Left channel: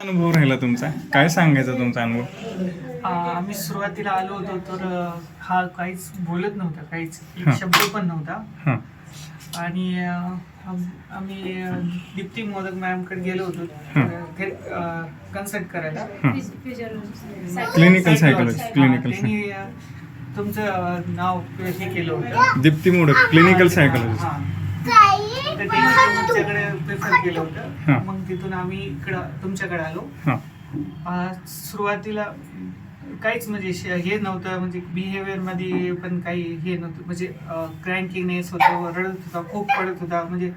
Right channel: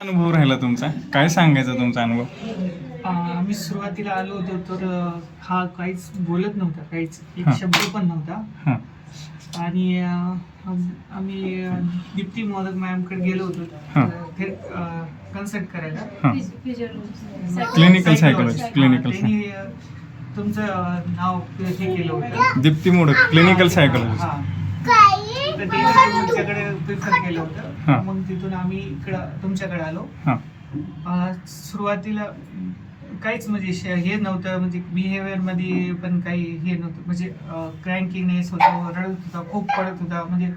अनुभव राहिला तुमचा? काय सांगायचा तुमचा अनुभव? आम्ही सुरुवातीला आलो होतो तर हा काहीच बोलत नव्हता, काहीच एक हां. शब्द पण नव्हता. हां आणि आम्ही दीप्ती मोदक मॅमकडे गेलो होतो हां. कन्सल्ट करायला. हां क्लिनिकल सायकोलॉजिस्ट हां, क्लिनिकल त्यांनी तुमचं नाव हे केलं होतं. Deepti Modak clinical psychologist. हां. तर त्यांनी तुमच्याकडे प्रिफर केलं हां. होतं. मग तिथून आम्ही तुमच्याकडे आलो. हां सुरुवातीला काहीच म्हणजे हे नव्हतं, म्हणजे बिहेवियर मध्ये पण काही हे नव्हतं, म्हणजे क्रँकीनेस होतं, रडत होता, खूप पडत होता, म्हणजे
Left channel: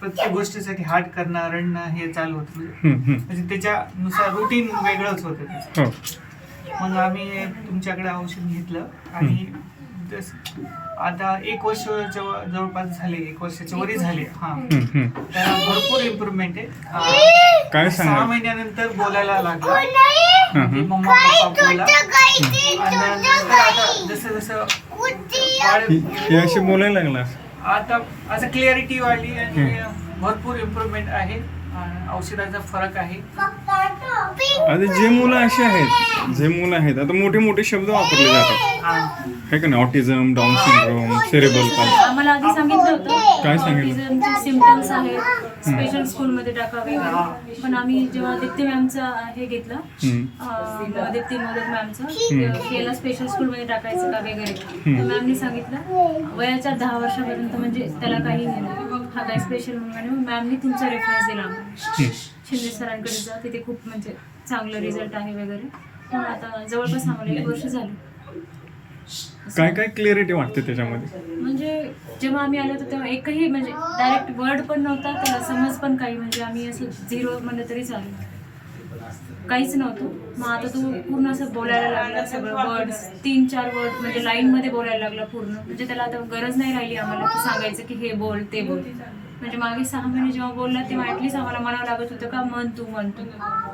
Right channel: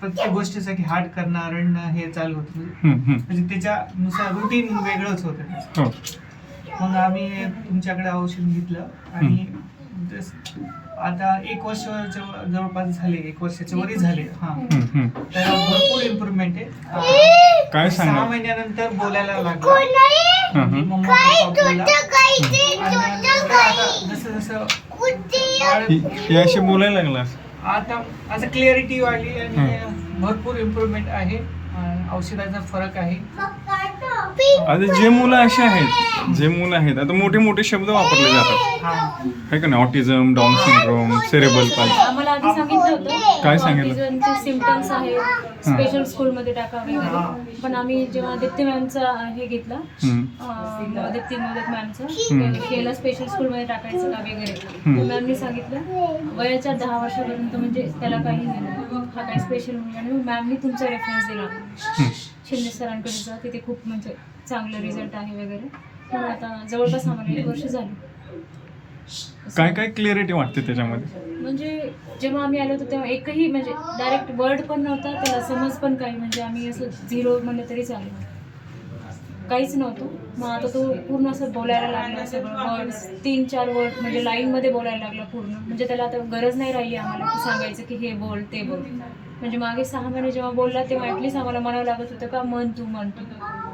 प्रत्येक गोष्टीसाठी हार्ड करणं, रडणं हे चालू होतं. म्हणजे त्याच्यानुसार रुटीन वेगळंच होतं त्याचं. हो. मग आम्ही तुमच्याकडे औषध घेतलं आणि आता 1 वर्ष जवळपास झाले, 1 वर्षाच्या वरी झाले. हा तर भरपूर इम्प्रुव्हमेंट आहे. काय 6 सांगा? महिन्यानंतर बोलायला लागला, म्हणजे मम्मा पप्पा बोला. आणि नंतर आता जसं जसं ही अशी बोलायला लागला. आता असं क्लिअरिटी वाढली आणि भरपूर इम्प्रुव्हमेंट आहे. औषधाचा फरक आहे. आता जे मुलं असे आहेत, आता मोठे मोठे शब्द वापरले जातात, हा आहे का नाही? Autism, down syndrome, cerebral palsy. आम्हाला आधी सांगितलं होतं काय सांगितलं? ऑटिझमचे सिम्पटम्स आहेत, स्पेशल स्कूलमध्ये टाकावे. पण आम्ही जेव्हा दीप्ती मॅमचा हे घेतलं, दीप्ती मोदक मॅमचं केलं स्पेशल स्कूलमध्ये टाकायचं का वगैरे, तर मॅमनी सांगितलं वयाच्या 10 वर्षापर्यंत म्हणजे त्याला काही नाही, हा काही स्पेशल म्हणून. आणि मग मॅमनी तुमचा रेफरन्स दिला शिंदे सरांकडे जा, तिथे खूप म्हणजे चांगलं रिझल्ट आहे वगैरे. मग आता जवळपास आम्हाला 1 वर्ष झाली. काय काय क्लिअरिटी वाटते त्याच्यामध्ये? म्हणजे जेव्हा आम्ही आलो होतो तेव्हा एकही म्हणजे डायरेक्ट वर्ड पण नव्हता, त्याला समज पण काही, म्हणजे आम्ही असं 0 म्हणलं तरी चालेल, काहीच नव्हतं. मग आता तो पूर्ण असं बोलायला लागला, सगळं वर्ड्स 3-4 वर्ड म्हणजे लाईनमध्ये बोलायला लागला पूर्ण. म्हणजे त्याला आता गरज नाही राहिली आम्हाला की सांगायचं की हे बोल ते बोल. म्हणजे मागे 6 महिने जेव्हा बोलला तेव्हा ॲटलीस्ट आम्हाला म्हणावं लागत होतं का म्हण तू.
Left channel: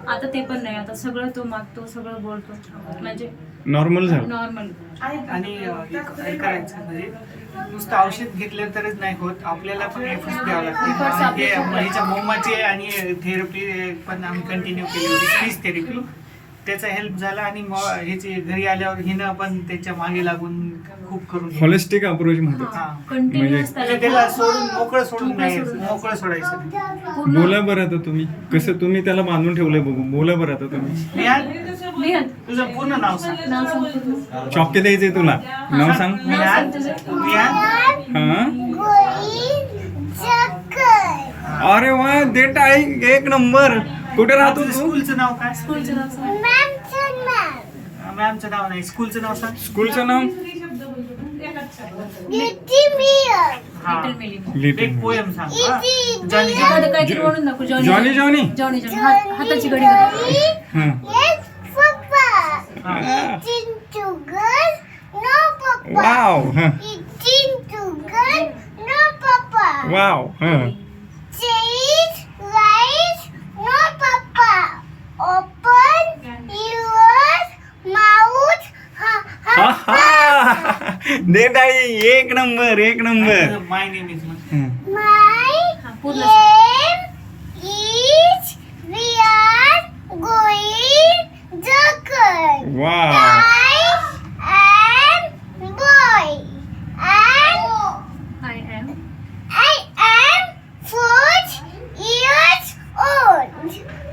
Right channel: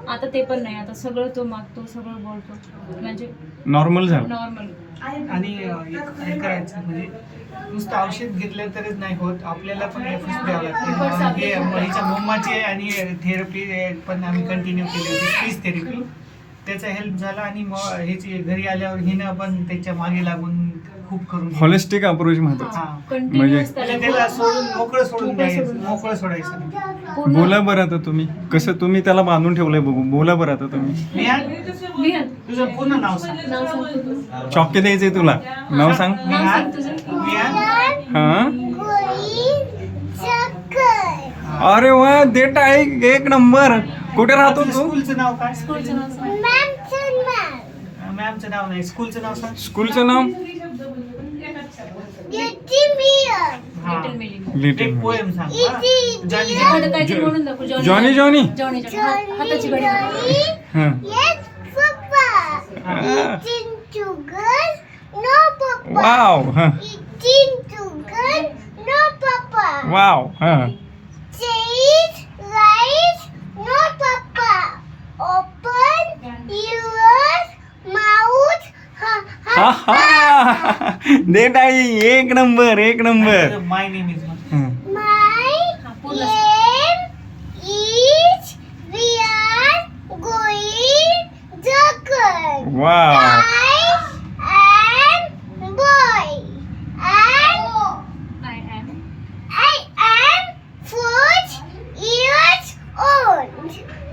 आता ते पण नाही, आता सगळं तो मागतो, सगळं बोलतो, म्हणजे नॉर्मल झालं. नॉर्मल. आणि काय करायचं म्हणजे नुसतं औषध घेतलं तरच नाही होत, आपल्याला पण एफर्ट्स द्यावं लागते. ह्याच्या मोमाचे आणि थेरपी पण आम्ही कंटिन्यू केली होती, स्पीच थेरपी. त्याचा हेल्प झाला. आणि मग ह्याची घरी आल्यावर हिनं पण त्याच्या मागे लागून खूप करून हॉलिस्टिक अप्रोच म्हणतात. कंटिन्युअस त्याला सोडून द्यायचं, मोकळं सोडायचं. बोला बरं आता तुम्ही, कसं तुम्ही त्याला बांधून ठेवलंय बघू. बोला बरं आता तुम्ही. विहान, तुझं पूर्ण नाव सांग. नाव सांगतो. चॉकी द्यायचंय तुला. नाव सांग. विहान. हा अरे वा, देट आहे, 1 नंबर. कुठे राहतो तू? स्कूलचं नाव काय? स्कूलचं नाव सांग. मॅमचं नाव नाही, स्कूलचं नाव सांग. स्कूलचं नाव? लिटल मेलिना. लिटिल एक पोएम सांग. एखादं काहीतरी म्हणून दाखव. Johnny Johnny. जॉनी हाताची घडी घाल. हा. वाव. हा. वाव. हा. हा हा. देट आहे, 1 number, 1 number. My name is पूर्ण वाव.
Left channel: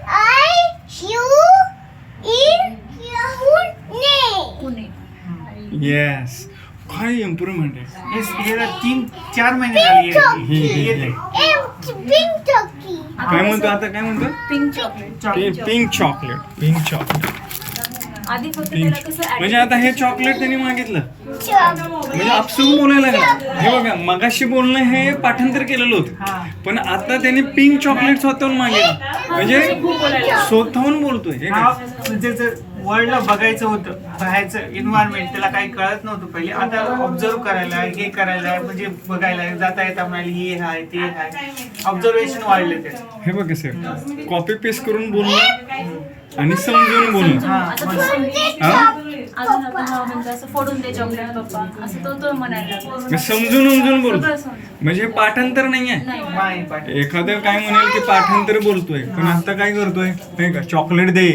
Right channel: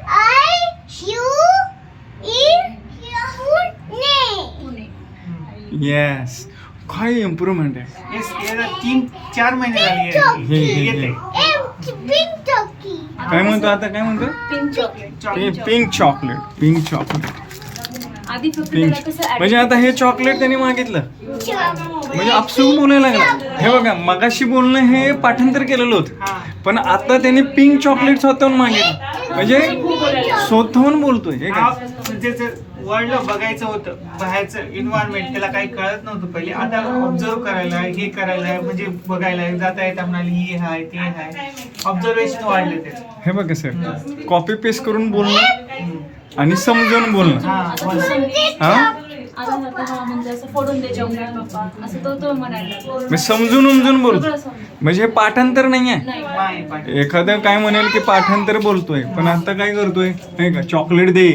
I am. पुणे. येस. काय इम्प्रुव्हमेंट आहे. 3-4 महिने झाले येते. काय म्हणतो आता, काय म्हणतो? Pink chocolate. Pink chocolate. आधी फक्त त्याला कसं म्हणजे आता हे चॉकलेट त्याने मागितलं, म्हणजे आपसूक बोलायला लागला. हे बघा, मगाशी बोलणं हे पाठांतर केलेलं होतं, पण आता त्याने पिंक चॉकलेट स्वतःहून मागितलं, म्हणजे स्वतःहून बोलतोय. हे का म्हणजे वर्ल्डला बघायचं होतं, बाहेरचं एन्व्हायरमेंट त्याला काही कळत नव्हतं पहिले. आता ऑब्झर्व करायला, हे करायला, म्हणजे बघायला जाता येता म्हणाली हे हाय ते हाय, ऑब्झर्वेशन वाढलं त्याचं. हे बघा सर, कॉपी पेस्ट करून बोलणं आणि समजून बोलणं. हा. हा आता हा म्हणजे असं फोडून दे चॉकलेट पप्पा असं तो म्हणायला लागला. मी समजून उमजून बोल, सगळं समजून. म्हणजे हे पाठांतर नाहीये. नाही नाही पाठ- एखादं काय म्हणेल की पाठांतर बोलतोय, पण आता काय करतोय नाही का, चॉकलेट दे,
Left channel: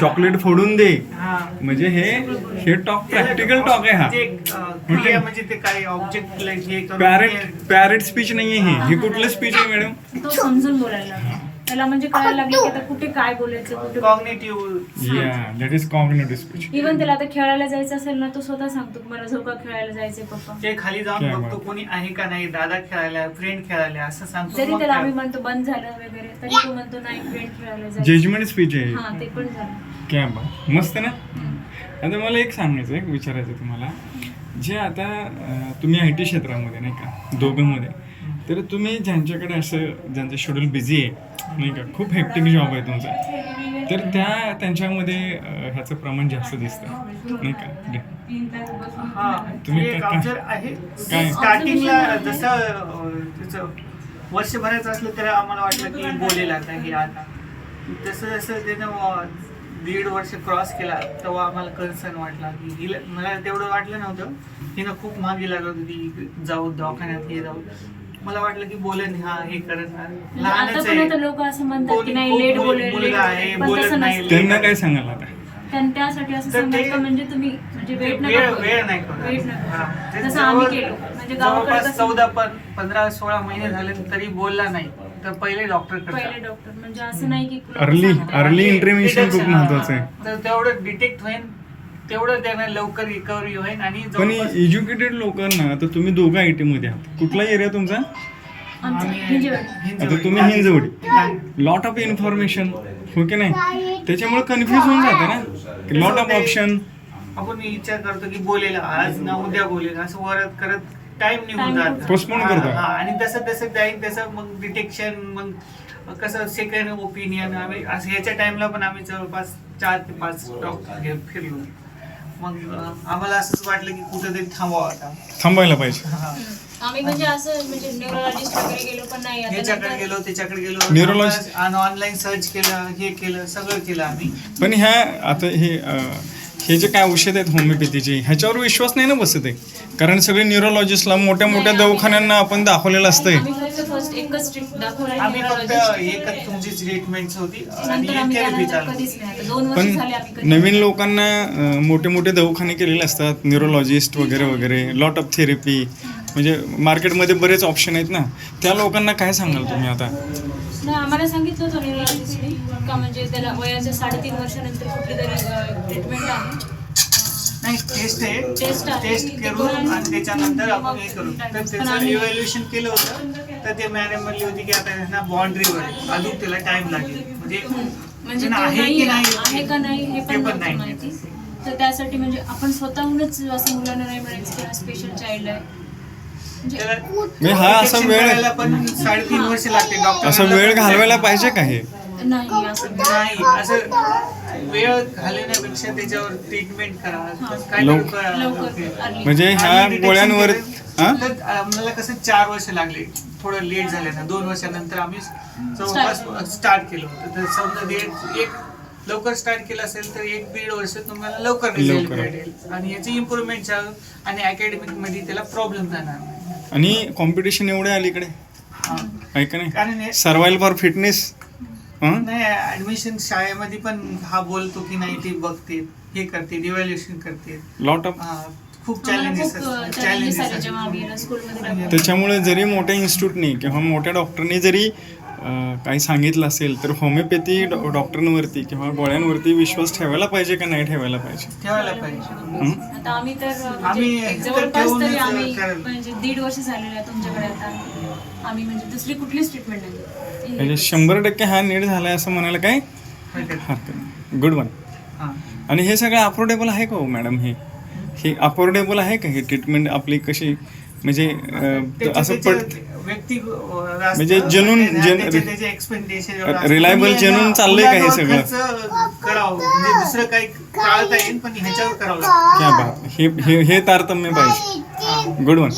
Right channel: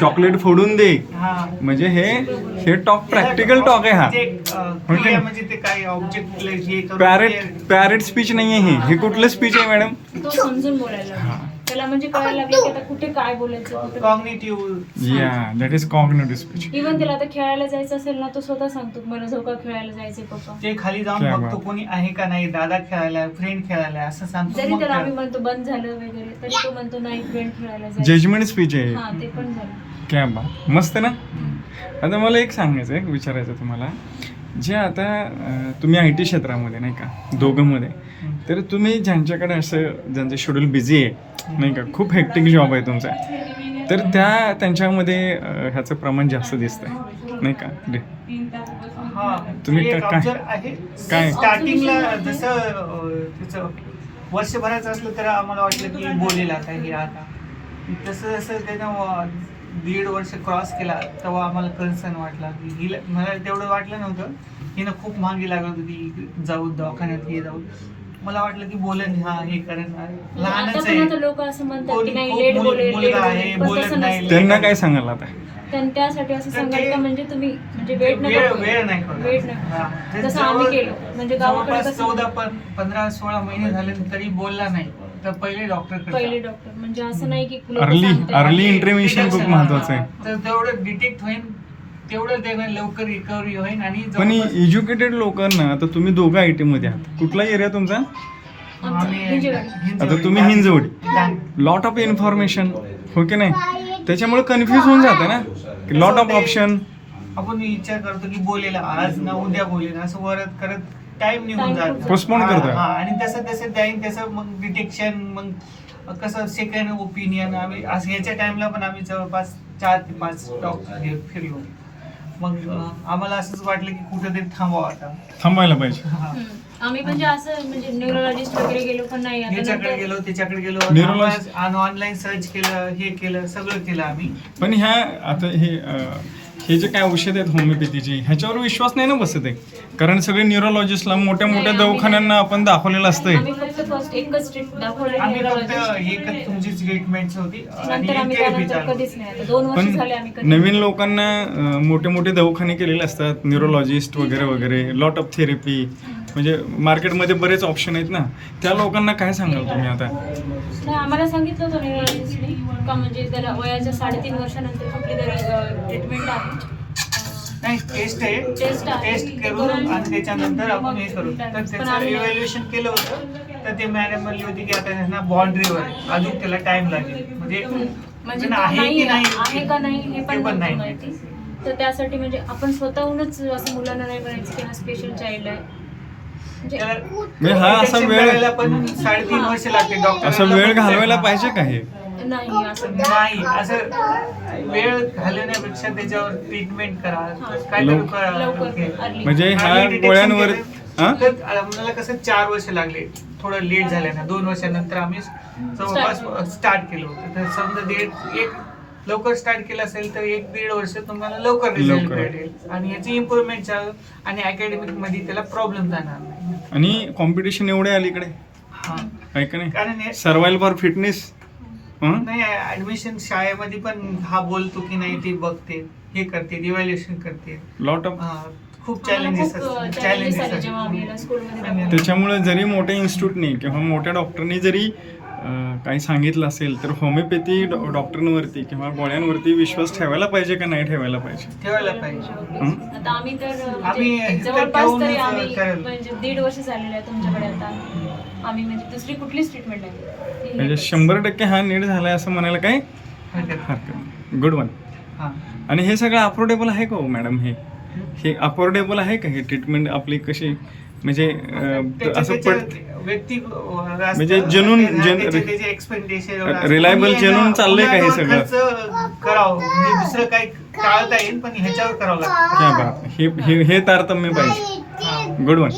चॉकलेट फोडून दे. हा. म्हणजे हे टॉक प्रॅक्टिकल टॉक आहे हा. म्हणजे क्रिया म्हणजे ते काय ऑब्जेक्ट हे करून पॅरेट स्पीच नाहीये हे कुठलं स्पीच आहे मॅडम? तो समजून बोलायला लागला. त्याला म्हणजे कळायला लागले की आता कुठे काय बोलायचं कुठे. कॉग्निटिव्ह या that is cognitive speech. Even त्याला आता खेळायला जायचं असेल ना, तो स्वतः सांगतो मला झोका खेळायला जायचंय पप्पा. ते खाली जाऊन क्या बघतो बात. कोणी आहे का नाही, दादा खेळायला, फ्रेंड खेळायला असं सांगतो. जरी मग त्याला आम्ही खेळ- म्हणतो बंद झालं वगैरे तरी तो म्हणतो नाही फ्रेंड खेळायला जायचं. जजमेंट स्पीच आहे. हा ते पण झालं. क्या बात, मस्त ना. आता मला एक सांगायचं आहे, विचारायचं तुम्हाला, जे आता तुम्ही IT क्षेत्रामध्ये नाही का दोघंमध्ये, तर तुम्ही ज्यांच्याकडे असं ज्यांचं शेड्यूल बिझी आहे नाही का, खूप हेक्टिक जॉब आहे तुमचा, तर त्यांच्यामध्ये ह्याचं प्रमाण जास्त दिसतं नाही का. हा तुम्ही एक काय- observe आहे. काय? स्टार्टिंगला जसं तिचं वर्षभराचं असलं तर आम्हाला वाटलं की बोलेल आता हे आता. तसं जसं त्यानं 1.5 वर्ष क्रॉस केला तेव्हा आम्हाला कन्सर्न वाटला की हिला, मला तेवढं वाटलं नव्हतं, हिनं खूप मागे लागत होती जाऊ दवाखान्यात हे जाऊ. मला वाटलं की बोलेन हा हे करेन, लहानच आहे, आतापर्यंत लोक असं म्हणतात की नाही लेट बोलेल, मुलगा आहे पण बोलत तसं नाही. नसतं. त्यांना काय सांगाल आता? त्यासाठी असं तर सांगाल ते- का म्हणजे तुम्ही म्हणजे वेट वेळ नाही करणार. वेट नाही हा. ते जसं आम्ही जवळ- केलं म्हणजे गावाकडे जवळपास कसं 14-15-16 महिने झाले तरी बोलला नाही, तर पहिले डॉक्टर पहिले डॉक्टर म्हणजे असं नाही की लोकं अर्ली सांगतात. अर्ली इंटरव्हेन्शन खूप महत्वाचं आहे. तर तेवढं डिटेक्ट होईल, तेवढं त्यांना लवकर रिकव्हरी होईल. आणि पण जवळपास एज्युकेटेड लोकांना, आता तुम्ही दोघं IT मध्ये आहात, कुठला एरिया तुमचा? आमचं आम्ही हिंजेवाडी. आता तुम्ही हिंजवडी, लॉट ऑफ इन्फॉर्मेशन हो की नाही, त्याच्यामुळे कन्फ्युज होऊन जातं ना, लॉट ऑफ ऑप्शन. आपण विचार करतो की बोलेल आज ना उद्या बोलेल, असं वरत करत टाइम निघून जातो. Postpone करतोय. आणि तसं तसं जाईल तसं मग डिटेक्शन, मग कसं सेकंड ओपिनियन. आम्ही असं ह्याच्या टाइमला पण आम्ही जवळपास 4 ते 5 डॉक्टर फिरलो. मग आम्हाला असंच वाटलं की कुठेतरी थांबावं आता. थांबायला पाहिजे. हा. आम्ही म्हणजे असं म्हणजे न्यूरोलॉजिस्ट वगैरे गेलो पण नाही आता याच्याकडे नंतर- गेलो त्याच्याकडे गेलो, Neurologist- आणि ऑनलाईन सर्च केलं, हे केलं, सगळं केलं आम्ही. पण ह्या आता हे जे काय औषध आहेत होमिओपॅथीचे, ह्याच्यावर विश्वास नाही ना बसत आहे, कारण सगळे न्यूरोलॉजिस्टला मोठ्या मोठ्या दवाखान्यांना आपण दाखवलेलं असतंय. आम्ही फक्त फर्स्ट एकच ट्रीट दाखवलं आम्ही फक्त न्यूरोलॉजिस्ट. एकच तुमची ट्रीटमेंट होती आणि नंतर आम्ही थेरपी त्यानंतर चालू. कधीच नाही आता 2 वर्ष पण झाले आम्ही कधी नवीन लोकांना मोठे मोठे दवाखाने केलेले असतात, न्यूरोलॉजिस्ट वगैरे वगैरे, लॉट ऑफ थेरपी, म्हणजे मार्केटमध्ये बरेच ऑप्शन आहेत ना, त्या लोकांना काय सांगाल तुम्ही आता? नाही आम्हाला सांगितलं होतं न्यूरोलॉजिस्टने का म्हणजे त्याला वयाच्या 3.5 वर्षानंतर कुठली तरी ट्रीटमेंट आहे. नाही टेस्ट आहे, टेस्ट आहे. टेस्ट करून आणि त्याच्यानंतर आपण हे करू. तर पण त्याचं आम्ही- इव्हॅल्युएशन केलं होतं, तर ते मॅडम म्हणली होती की आता ह्यांना बाउंड्रीवर आहे, अजून त्याला टाइम लागेल. म्हणजे म्हणजे त्यांना तो आहे नाही की नाही आहे का नाही हे ते पण पण नव्हतं नाही माहिती. तर त्यासाठी म्हणजे आपण स्वतःहूनच असं मुलांना नाही म्हणायचं की हा स्पेशल चाइल्ड आहे म्हणजे त्याला म्हणजे हा असा detection वेळ- करायला पण 3.5 वर्ष लागते डॉक्टर. असं वेळ घालवायला पाहिजे का हे? नाही असं नाही, असं वेळ घालवण्यापेक्षा त्याच्यावर ट्रीटमेंट करा. काय लवकर- करा, लवकर early. म्हणजे ह्या आणि detection गोळ्यांवर केलं, हा? तर आम्हाला कसं 4 वर्ष लागले, थोडं लेट झालं ना. 2 वर्षानंतर आम्ही जवळपास स्टार्ट केलं होतं. तर समजा एक लवकर स्टार्ट केलं असेल तर 1-1.5 वर्ष तुम्हाला लवकर रिझल्ट लवकर. भेटेल आणि याची इम्प्रूव्हमेंट आणि अकॅडमिक मध्ये त्याला प्रॉब्लेम जाणार नाही. आणि कॉम्पिटिशन एवढे अलीकडे हा. आहे का नाही? कारण हे सर्वाइव्हल फॉर फिटनेस. नाही ऍडमिशन शाळेमध्ये पण हा बोलतो की नाही, ते बघते, हे करते, इव्हॅल्युएशन करते. Lot of. खूप आम्हाला चॅलेंजेस खूप चॅलेंजेस आले जेव्हा आम्ही याला स्कूलमध्ये त्याच्यामुळे जरी मोठ्या इन्स्टिट्यूटनी किंवा मोठ्या डॉक्टरनी जरी काही सांगितलं असेल तर होमिओपॅथी डॉक्टरांवरती किंवा गोळ्यांवरती विश्वास ठेवायला पाहिजे का नाही ठेवायला पाहिजे? ठेवायला पाहिजे. आता आम्ही तर आम्ही म्हणजे जवळपास तरी ठेवूनच आम्ही करायला. म्हणजे 1.5 वर्ष झालेले आहे तुमच्याकडे आता आम्ही म्हणजे दुसरी कुठलीच ट्रीटमेंट नाही म्हणजे 100% हा नीट झालाय असं म्हणायला काय हरकत नाही. Good one. हा. आणि हे सगळं अफोर्डेबल आहे का हो मॅडम? हे अफोर्डेबल आहे का ही ट्रीटमेंट आपली कशी? म्हणजे असं पट व्यक्ती म्हणजे reliable, genuine चाललंय का हे सगळं? करावं म्हणजे दुसरं काही टाळता येईल पण ह्याच्यावर करावं लागतं. क्या बात. हे तारतम्य पाहिजे. Good one.